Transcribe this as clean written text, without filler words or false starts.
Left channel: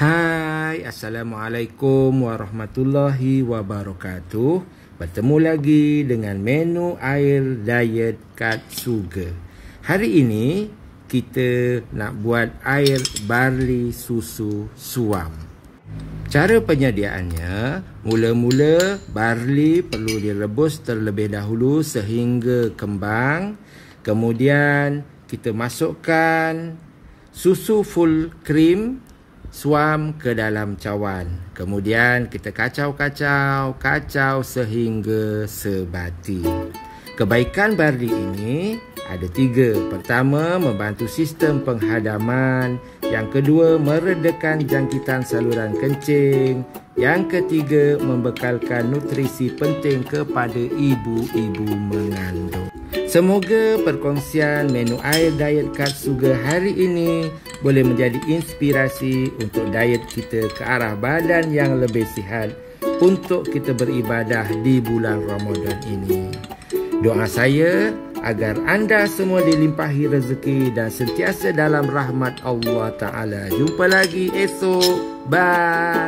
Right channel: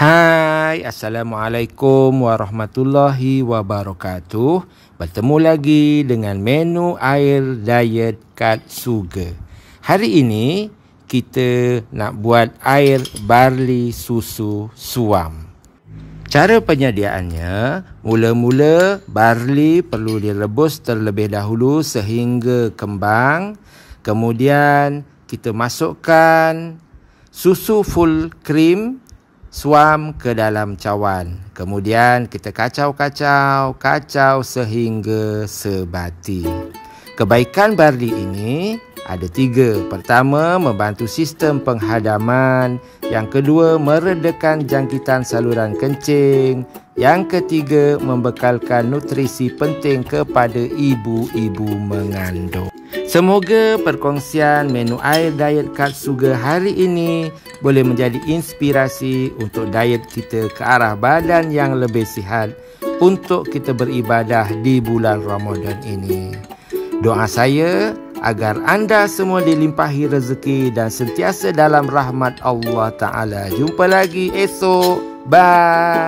Hai, Assalamualaikum warahmatullahi wabarakatuh. Bertemu lagi dengan menu air diet kat Sugar. Hari ini kita nak buat air barley susu suam. Cara penyediaannya, mula-mula barley perlu direbus terlebih dahulu sehingga kembang. Kemudian kita masukkan susu full cream suam ke dalam cawan. Kemudian kita kacau sehingga sebati. Kebaikan barley ini ada 3. Pertama, membantu sistem penghadaman. Yang kedua, meredakan jangkitan saluran kencing. Yang ketiga, membekalkan nutrisi penting kepada ibu-ibu mengandung. Semoga perkongsian menu air diet kat Sugar hari ini boleh menjadi inspirasi untuk diet kita ke arah badan yang lebih sihat untuk kita beribadah di bulan Ramadan ini. Doa saya agar anda semua dilimpahi rezeki dan sentiasa dalam rahmat Allah Ta'ala. Jumpa lagi esok. Bye.